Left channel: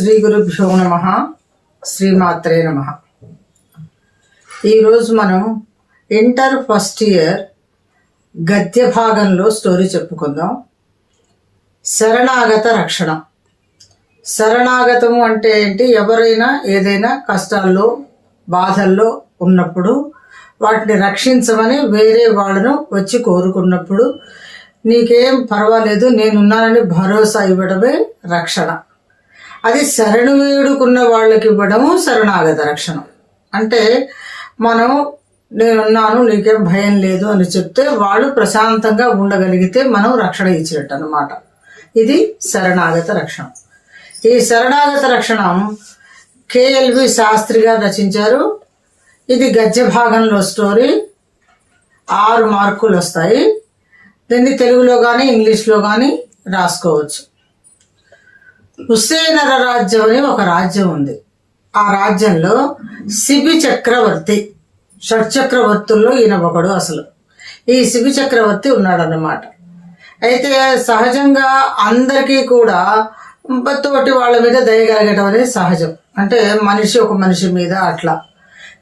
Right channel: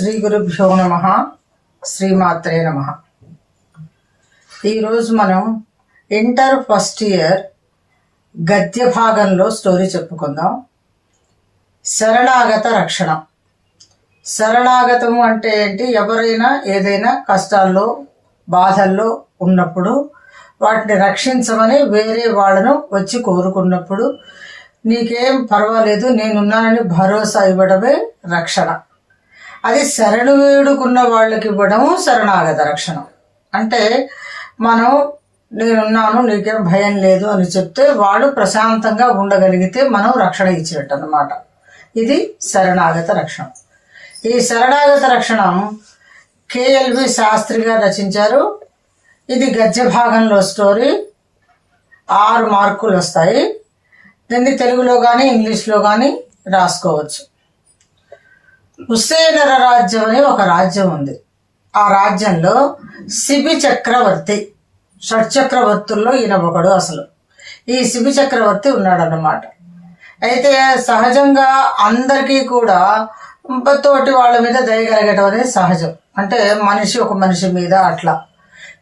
శ్రీ గురుభ్యో నమః. శ్రీమాత్రే నమః. ఈరోజు మనం ఇంటర్ ఫస్ట్ ఇయర్ గద్య భాగంలో స్టోరీ చెప్పుకుందాం. శరణాగత రక్షణ. శరణాగతము అంటే ఏంటి? ఎవరైనా ఏదైనా కష్టాల్లో బాధల్లో ఉన్నప్పుడు వాటిని రక్షించమని వేరే వాళ్ళను వచ్చి కోరుకున్నప్పుడు నీకేం పర్వాలేదు నేనున్నానని భరోసా ఇవ్వడమే రక్షణ. అది శరణు వేడుకున్న వాళ్ళకి ఇవ్వడము శరణాగత రక్షణ. అంటే మనం నేనున్నాను నీకేం భయం లేదు అని చెప్తే వాళ్ళు ప్రశాంతంగా ఉండగలిగితే మనం రక్షణ ఇచ్చినట్టు అన్నమాట. ఇది శరణాగత రక్షణ. ఈ శరణాగత రక్షణ కేఎల్వి శాస్త్రి గారు రచించారు. ఇది గద్య భాగంలో స్టోరీ. 6 మార్కులు వస్తాయి. దీన్ని తెలుగులో కానీ ఇంగ్లీష్లో కానీ రాసుకోవచ్చు. హుస్సేనర రాజ్యం అని ఒక రాజ్యం ఉంది. ఆ రాజ్యంలో శిబి చక్రవర్తి, షట్చక్రవర్తుల్లో ఈయన ఒకడు. అసలు ఈ శిబి చక్రవర్తి ఉన్నాడన్నమాట. అయితే సహజంగా అందరికీ కూడా తోటి వాళ్ళ మీద దయ కలగటం అనేది సహజం. అంటే మనిషి ఒక మనిషి మీద అట్లా.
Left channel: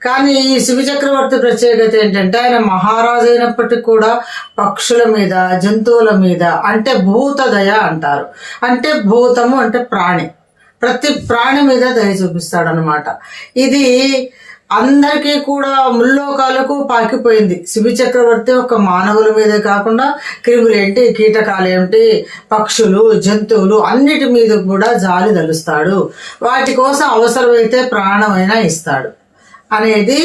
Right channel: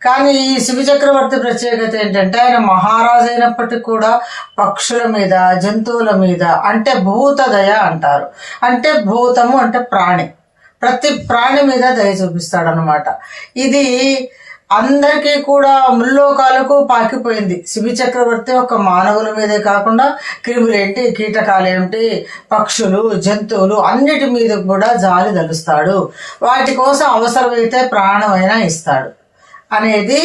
కానీ ఈ శిబి చక్రవర్తి ప్రత్యేకత ఏంటంటే ఆయన మహారాజు అయినప్పటికీ కూడా పక్షుల మీద, జంతువుల మీద, అంటే భూత దయ అంటారు. అంటే భూతము అంటే ప్రాణి, ప్రతి ప్రాణి మీద దయ చూపిస్తాడనమాట. ఇది అందరికీ కూడా ముల్లోకాలకు పాకిపోయింది. శిబి చక్రవర్తి ఒక మానవుల మీదే కాకుండా క్రిములేంటి, కీటకాలేంటి, పక్షులు, జంతువులు అన్నిటి మీద కూడా జాలి తలుస్తాడు. వాటి కోసం అవసరమైతే ప్రాణమైనా ఇస్తాడు అనేది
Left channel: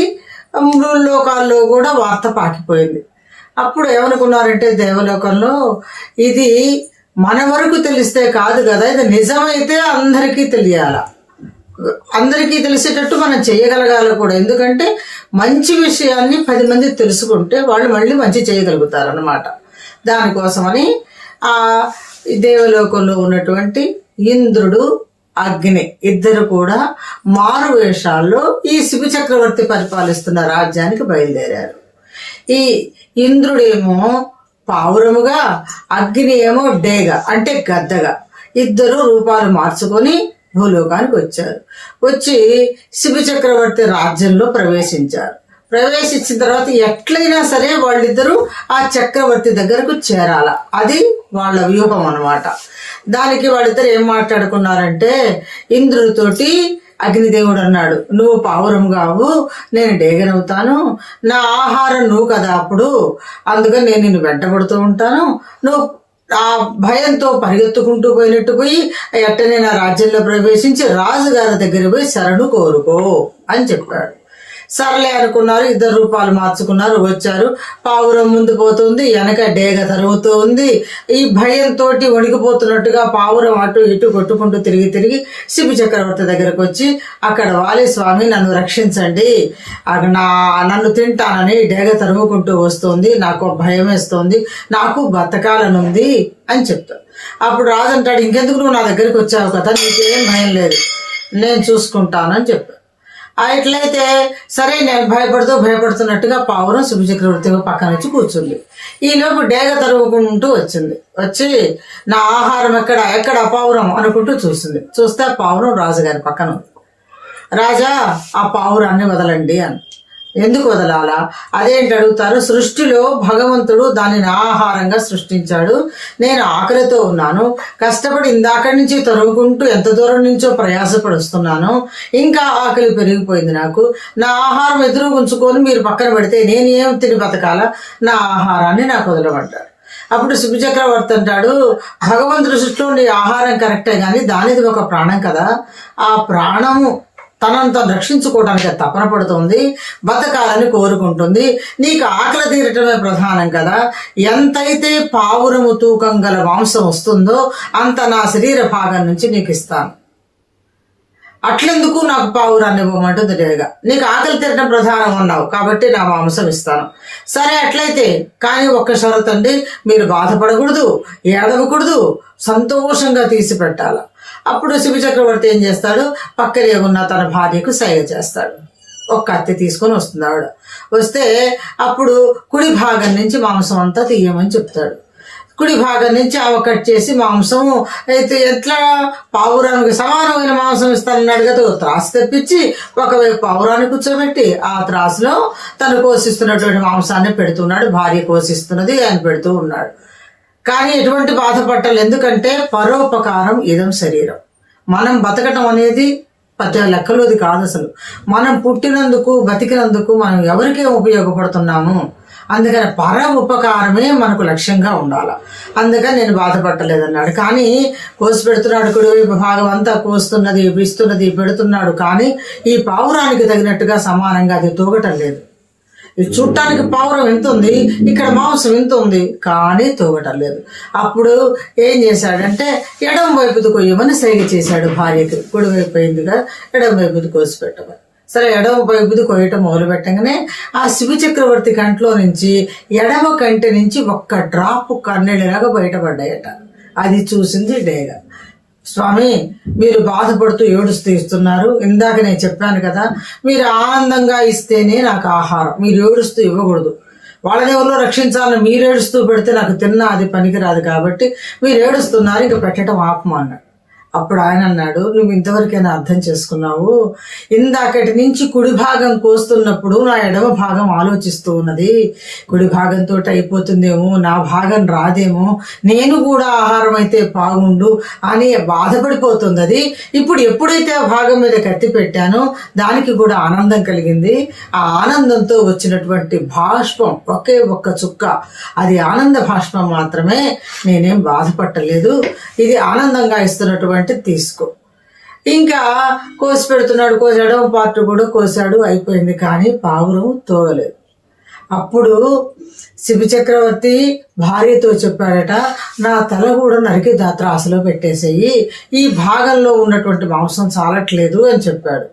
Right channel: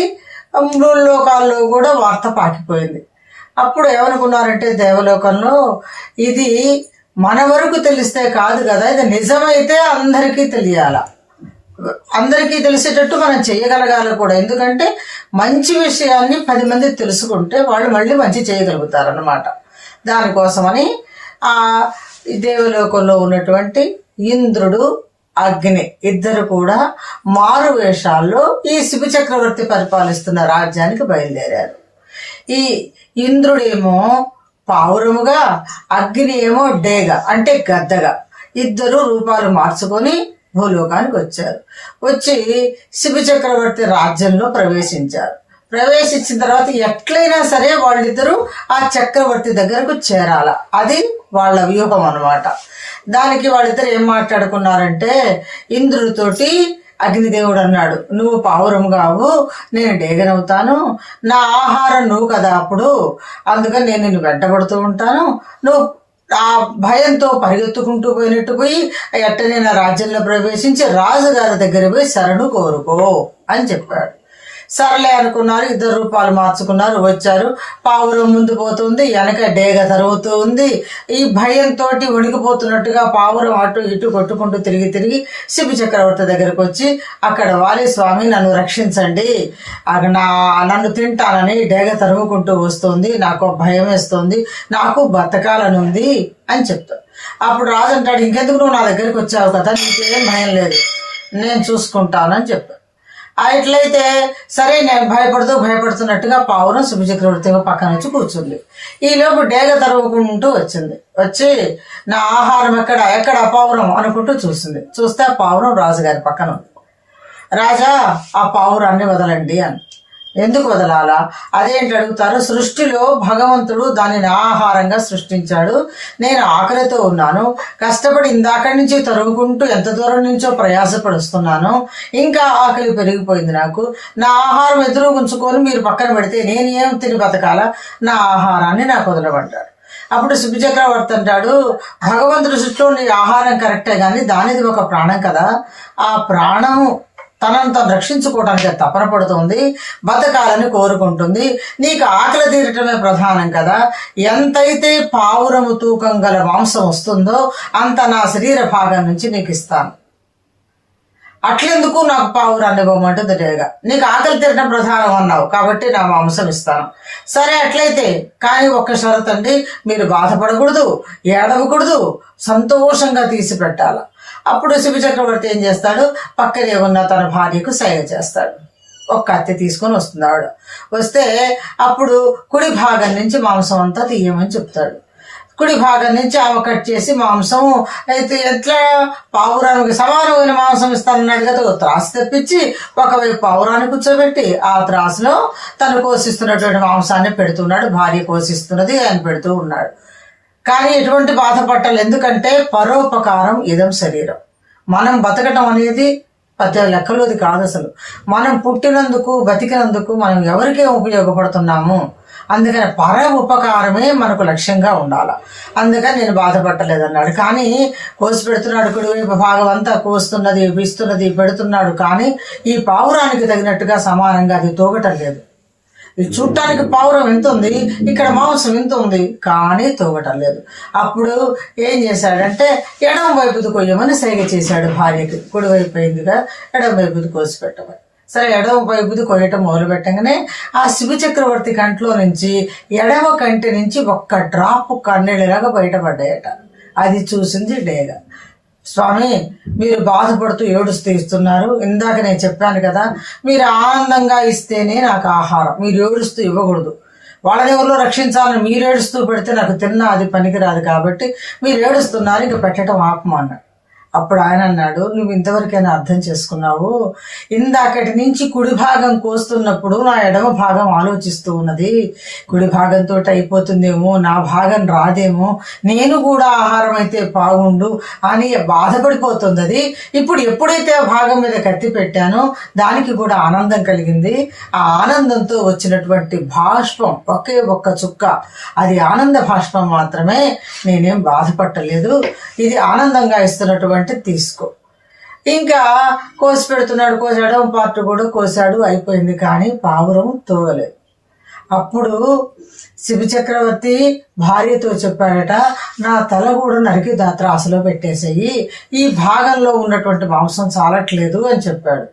ముల్లోకాల్లో కూడా వార్త పాకిపోయింది. అప్పుడు ఏమనుకున్నారంటే దేవలోకంలో ఇది మన వరకు తెలిస్తే కాదు కదా, ఇది నిజమైతే అందరికీ తెలియాల, అందరికీ తెలిసేటట్టు మనం చేయగలగాలి కూడా. ఎందుకంటే మంచి విషయాన్ని 10 మంది తెలుసుకుంటే వాళ్ళు మళ్ళీ మంచి చేయగలుగుతారు అన్నమాట. దానికోసమని ఆ దేవలోకంలో ఉన్నటువంటి ఇంద్రుడు, అగ్ని ఇద్దరు కూడా మారు వేషాల్లో ఈ శిబి చక్రవర్తి పరిపాలిస్తున్న రాజ్యానికి బయలుదేరారు. ఈ ఇంద్రుడేమో పావురముగా, అగ్ని ఏమో డేగ అంటే గద్దగా, ఇద్దరు రూపాలు మార్చుకొని భూలోకానికి వచ్చారు. వచ్చి శిబి చక్రవర్తి రాజ్యంలో ప్రవేశించారు. ప్రవేశించిన తర్వాత ఎట్లయినా సరే వాళ్ళిద్దరూ ఆ చక్రవర్తి దగ్గరకు చేరాల. అది వాళ్ళ వ్యూహం అన్నమాట. దానికి వాళ్ళిద్దరు ఏం మాట్లాడుకున్నారంటే, ఇంద్రుడితోటి అగ్నిదేవుడు అన్నాడు, నువ్వు పావురం కావు, నేను డేగనవుతాను, నా ఆహారం నువ్వు కదా అప్పుడు, అందుకని నేను నిన్ను వెంటబడుతూ ఉంటాను, నువ్వు ఆ భయంతో పరిగెత్తుకుంటూ పోయినట్టు పోయి ఎట్టనే నా రాజ్యంలో ప్రవేశించి రాజుగారి దగ్గర పోయి శరణు కోరుకో అని చెప్పాడు. సర్లే అనుకున్నారు. ఇద్దరు రూపాలు మార్చుకున్నారు. వచ్చారు. పావురం ముందు పోతుంది, వెనక డేగ తరుగుతూ ఉంది. ఈ భయంతో వణికిపోతున్నట్టుగా పావురం అటు ఇటు కొట్టుకుంటూ తిరిగి శిబి చక్రవర్తి దగ్గరకు వచ్చి అక్కడ వాలి, స్వామి నన్ను రక్షించండి, నన్ను తింటానని డేగ తరుముకుంటూ వస్తుంది, నాకు భయం వేస్తుంది, నాకు బతకాలనుంది అని చెప్తాడు. అప్పుడు రాజు అంటాడు, ఇంకెందుకు నువ్వు నా దగ్గరికి వచ్చావు కదా, నీకేం భయం లేదు, నేను చూసుకుంటానని చెప్పాడు. ఇట్లయితే సరే నేను భయపడుతున్నట్టుగా పావురం శిబి చక్రవర్తి పక్కన వచ్చి కూర్చుంది. ఈలోపు డేగ తరుగుకుంటూ వచ్చింది. వచ్చి నా ఆహారం ఎక్కడ పావురం అనుకుంటూ చూసింది. చూస్తే ఆ పావురం రాజుగారి పక్కన ఉంది. రాజా, ఆ పావురాన్ని వదలండి అని. ఎందుకు వదలాలా? అదేంటి అడుగుతారు. సృష్టిలో భగవంతుడు దాన్ని నా ఆహారంగా సృష్టించాడు. నేను ఆకలితో ఉన్నాను, కష్టపడి ఇందాకడి నుంచి తరుగుకుంటూ ఎంత దూరం నుంచో ప్రయాసపడుస్తున్నాను, ఇంకా ఆకలి పెరిగిపోయింది నాకు. నా ఆహారం ఎదురు ఉంచుకొని మీరు పక్కన పెడితే నేను ఏం తిని బతకాలా? నా ఆహారాన్ని నాకు వదలమంటాడు. అప్పుడు శిబి చక్రవర్తి అంటాడు, భగవంతుడి సృష్టిలో నీ ఆహారం కరెక్టే కానీ దానిది ఒక ప్రాణం కదా, ఆ ప్రాణము తనను తను రక్షించుకోవడానికి తపన పడుతుంది, బతకాలని కోరుకుంటుంది, నీకు ఆకలి తీరటమే ప్రధానం కదా, ఎంతైతే పావురము తూకం గల మాంసం వస్తుందో అంత నా శరీర భాగం నుంచి నీకు ఇస్తాను, అట్లెందుకు నాకు పావురాన్ని ఇవ్వమంటుంది డేగ. నీకు ఆకలి తీరటం ప్రధానం అన్నావు కాబట్టి నా మాంసం ఇస్తాను. సరే అట్లయితే, కానీ ఒక్క షరతు అండి, మీరు బాధపడకూడదు, ఏడవకూడదు, సంతోషంగా తీసి పెట్టాల. అప్పుడు శిబి చక్రవర్తి ఏం చేస్తాడు, పక్కనే ఉన్న తన భార్యకు సైగ చేస్తాడు. ఒక కత్తి తీసుకొని వస్తుంది ఆవిడ. వస్తే అప్పుడు కుడి భాగం నుంచి మాంసం అంతా తీయమని చెప్తాడు. కుడి భాగం నుంచి ఆమె కట్ చేసి మాంసం అయితే ఎట్లా పావురానికి సమానమైన మాంసం ఇస్తానన్నాడు కదా, ఒక త్రాసు తెప్పించి ఒకవైపు పావురాన్ని కూర్చోబెట్టి ఆ త్రాసులో తను కోసిస్తున్నటువంటి మాంసాన్ని పెడుతున్నాడు, భార్య కోసిస్తున్నది, ఆయన పెడుతూ ఉన్నాడు. కానీ ఎటువంటి బాధపట్టాలి, ఎందుకంటే పరోపకారం ఇదం శరీరం. మనం బతకటం అనేది పెద్ద లెక్కలోది కాదు అసలు. మనం పుట్టినందుకు బతికినందుకు మనం ఎవరికే ఉపయోగపడుతున్నాము, అందుకని పర ఉపకారమే మనకు లక్ష్యంగా ఉండాలి. అందుకని నేను బాధపడలేదన్నాడు. కానీ కోసి పెడుతున్నాడు, కుడివైపు భాగం అంతా కోస్తున్నది, ఇస్తున్నది, పెడుతున్నాడు. కానీ ఈ పావురానికి తగినట్టుగా సమానంగా అది తూగటం లేదు. ఈ చుట్టానికి పావురం ఎంత ఉంది, ఇక్కడ మాంసం ఎంత ఉంది, కానీ తూగటం లేదు. అప్పుడు ఏం చేశాడంటే ఎడమ వైపుది కొయ్యమని సైగ చేశాడు భార్యకి. కుడివైపు అయిందిగా ఎడమ వైపుది కోసి పెట్టమని. సరే, ఎడమ వైపుది కొయ్యటం మొదలు పెట్టగానే ఆ శివ చక్రవర్తి కంట్లో నుంచి ఎడమ కంటి నుంచి ఒక్క డ్రాప్ కన్నీళ్ళలాగా బయటపడ్డాయట. అది చూసింది డేగ. స్వామి, మీరు బాధపడుతూ ఏడుస్తూ ఇస్తున్నారు, ఇందాక నేను చెప్పాను కదా, మీరు ఆనందంగా ఇస్తేనే నాకు ఆహారం, మీరు ఏడుస్తూ ఇవ్వకూడదు. వాళ్ళని ఎవరిలో రక్షించాలని మీరు ఏడుస్తూ పెడితే నాకు తిన్నా అది పనికిరాదు, కాబట్టి మీరు ఏడుస్తున్నారు, ఇంక పెట్టడం ఆపమన్నాడు. అప్పుడు ఆయన అన్నాడు, నువ్వు ఇంతవరకైనా అర్థం చేసుకున్నావు, ఇందాకటి నుంచి కుడి భాగం కోస్తున్నప్పుడు నా ఎడమ భాగం ఆలోచిస్తూ ఉన్నది, కుడి భాగంతో అయిపోతుందేమో, నా భాగం రాదేమో, నేను కూడా ఆహారం అయితే బాగుండు అని బాధపడిపోతుంది అది. ఇప్పుడు ఎప్పుడైతే ఆ భాగం మీద కత్తి పెట్టానో దానికి కూడా ఆనందం కలిగింది. ఆ ఆనందంతో వచ్చినటువంటి బాష్పం ఒకే ఒక్క చుక్క, అది ఆనంద బాష్పం మాత్రమే, నేనేం బాధపట్టలేదు. ఇది ఆనందంగా ఇస్తున్నటువంటి తీసుకో. ఇంకా కోసి పెడుతున్నాడు, కోసాడు, పార్ట్ కూడా కోసాడు, అయిపోయింది. కానీ పావురం తోగలేదు. అప్పుడు శివ చక్రవర్తి భార్యతో చెప్పాడట, నా తల కూడా నరికి త్రాసులో పెట్టేసేయి, ఈ భాగంలో ఉన్నటువంటి మాంసం చాలట్లేదు అని చెప్పాడు.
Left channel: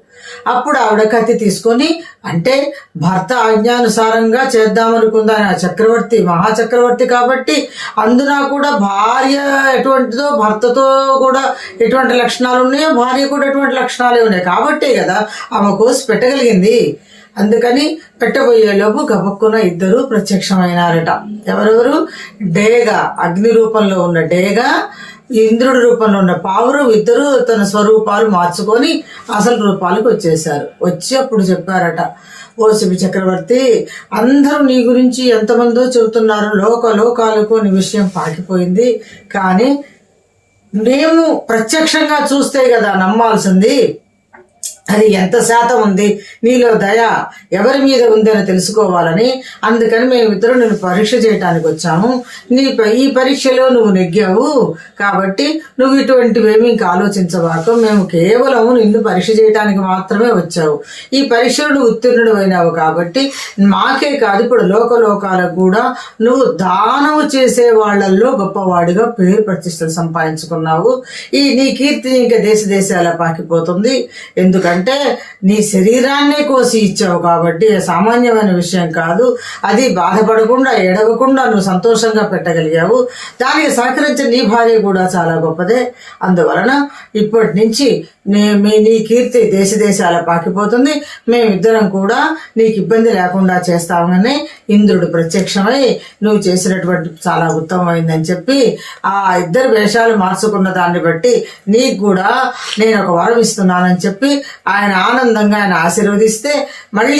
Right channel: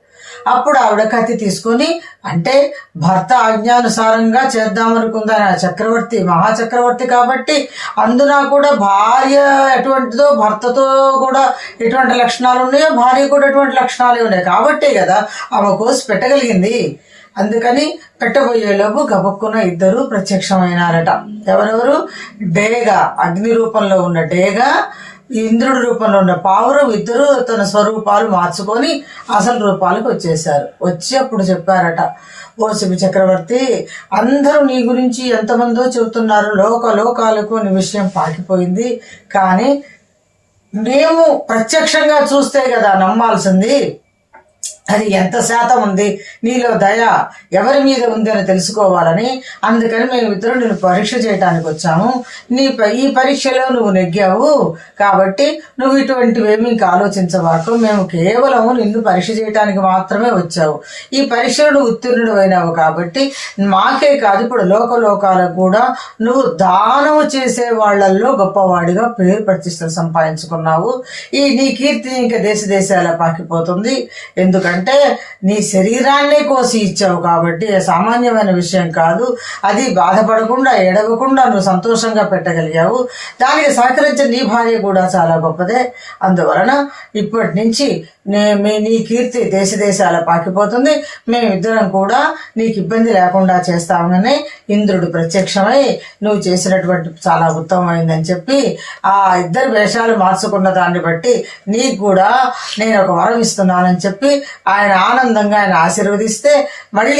అప్పుడు ఆవిడ కత్తి తీసుకొని, అంటే భర్త ఆజ్ఞానుసారంగా చేద్దామనుకుందా చక్రవర్తి, మహాచక్రవర్తి కాబట్టి, అందున కూడా భార్య ఎటువంటిదో భర్తతో కూడా ఎటువంటి లక్షణాలు ఉన్నాయో భార్య కూడా ఎటువంటి లక్షణాలే ఉన్నాయి కాబట్టే కదా ఆమె కోసి పెట్టగలిగింది. అందుకని పెట్టబోయేలోపు గబక్కున ఇద్దరు ప్రత్యక్షమైనారట. ఎవరెవరు? డేగ, అగ్ని రూపంలో ఉన్న డేగ, ఇంద్రుడి రూపంలో ఉన్న పావురం, ఇద్దరు తన స్వరూపాలు మార్చుకొని అసలు రూపాలకు వచ్చేసారు. వచ్చి అప్పుడు చెప్పారట, ఓ శివ చక్రవర్తి, అందరూ నీ గురించి ఎంతమందో చెబుతున్నారు, లోకాలకు నీ విషయం పాకిపోయింది, కానీ మేము ప్రత్యక్షంగా చూస్తే కదా నమ్మాల్సింది, అది ఎంత శాతం ఉంది, నీలో దయ ఎవరి మీద ఉందని తెలుసుకోవాలని, అందుకని మేమిద్దరం నిన్ను పరీక్ష చేయడానికి వచ్చాము. ఈ పరీక్షలో నువ్వు నెగ్గావు కాబట్టి నువ్వు ఇటువంటివేమీ ఇంకా ఆలోచించవాకు, మేము కేవలం నిన్ను పరీక్ష చేయడానికి మాత్రమే వచ్చావు. ఈ పరీక్షలో నువ్వు ఉత్తీర్ణుడు అయినావు కాబట్టి మాకే కాదు, ఇప్పుడు లోకాలకు కూడా నువ్వు దానము చేసే వాళ్లల్లో గొప్పవాడిగా పేరు ప్రతిష్టలు సంపాదించుకున్నావు. నీ కీర్తి ఇంకా దేశాల పాకిపోతుంది, ఎందుకంటే నీ శరీరాన్నే కోసి ఇచ్చావు కాబట్టి సామాన్యమైన విషయం కాదు. అది బాధపడకుండా ఏడవకుండా నువ్వు సంతోషంగా పెట్టగలిగావు. దానికి సహకరించిన నీ భార్య కూడా చాలా గొప్పదే. అందువలన ఇప్పటి నుంచి నీ కీర్తి దేశాల పాకిపోతుంది, మేమిద్దరం కూడా నీకు ఇబ్బంది లేకుండా చేస్తామని ఇంద్రుడు ప్రత్యక్షమై నువ్వు చేసినటువంటి చాలా ఉత్తమమైందని చెప్పి ఆ ఇద్దరు వేషాలు మార్చుకున్న దాన్ని బట్టి నీకు కూడా నేను ఒక వరం ఇస్తున్నానని చెప్పి ఆయన ఆనందంగా ఆయన ఆశీర్వదిస్తే మళ్ళీ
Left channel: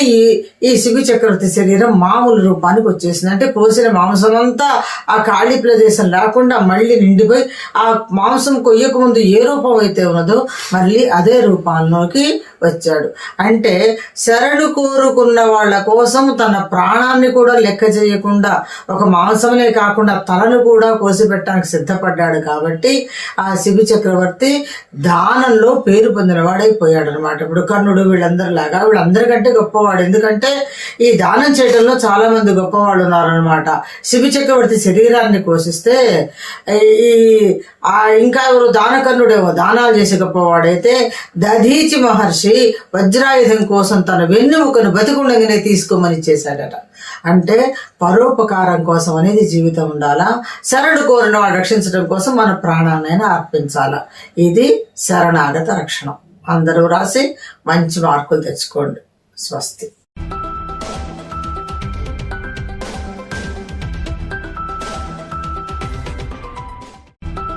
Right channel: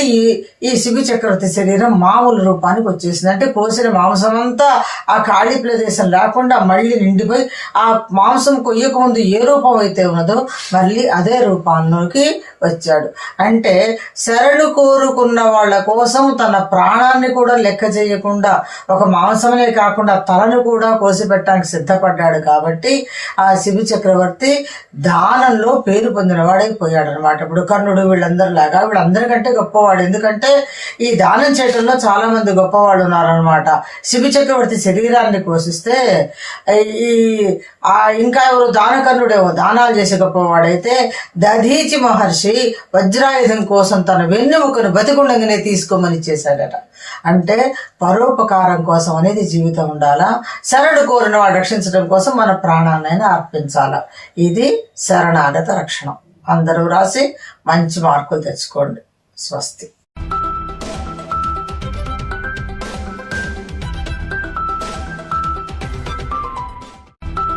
ఈ శిబి చక్రవర్తి శరీరం మామూలు రూపానికి వచ్చేసింది. అంటే కోసిన మాంసం అంతా ఆ ఖాళీ ప్రదేశం లేకుండా మళ్ళీ నిండిపోయి ఆ మాంసం కొయ్యక ముందు ఏ రూపం అయితే ఉన్నదో మళ్ళీ అదే రూపాల్లోకి వచ్చాడు. అంటే శరణు కోరుకున్న వాళ్ళ కోసం తన ప్రాణాన్ని కూడా లెక్క చేయకుండా ఒక మాంసమనే కాకుండా తలను కూడా కోసి పెట్టడానికి సిద్ధపడ్డాడు. కాబట్టి ఆ శిబి చక్రవర్తి దానంలో పేరు పొందిన వాడైపోయాడు అనమాట. ఇప్పుడు కర్ణుడు వీళ్ళందరికంటే గొప్పవాడు. ఎందుకంటే ఈ దానం చేయడంలో చాలా మంది గొప్పవాళ్ళు ఉన్నారనమాట. శిబి చక్రవర్తి శరీరాన్ని కోసిస్తే ఇంకా ఎవరు దానకర్ణుడేమో దానాలు చేసే గొప్పవాడైతే దధీచి మహర్షి వజ్రాయుధం కోసం తన వెన్నెముకను బతికుండగానే తీసుకోమని చేశాడట. అంటే పరోపకారం కోసం అనేది జీవితం ఉండాలా, శరణు కోరిన వాడు రక్షించడం కోసం మన ప్రాణాన్నైనా అర్పించాలా. ఇది శరణాగత రక్షణం. అందరూ రాసి మంచి మార్కులు తెచ్చుకోండి. స్వస్తి.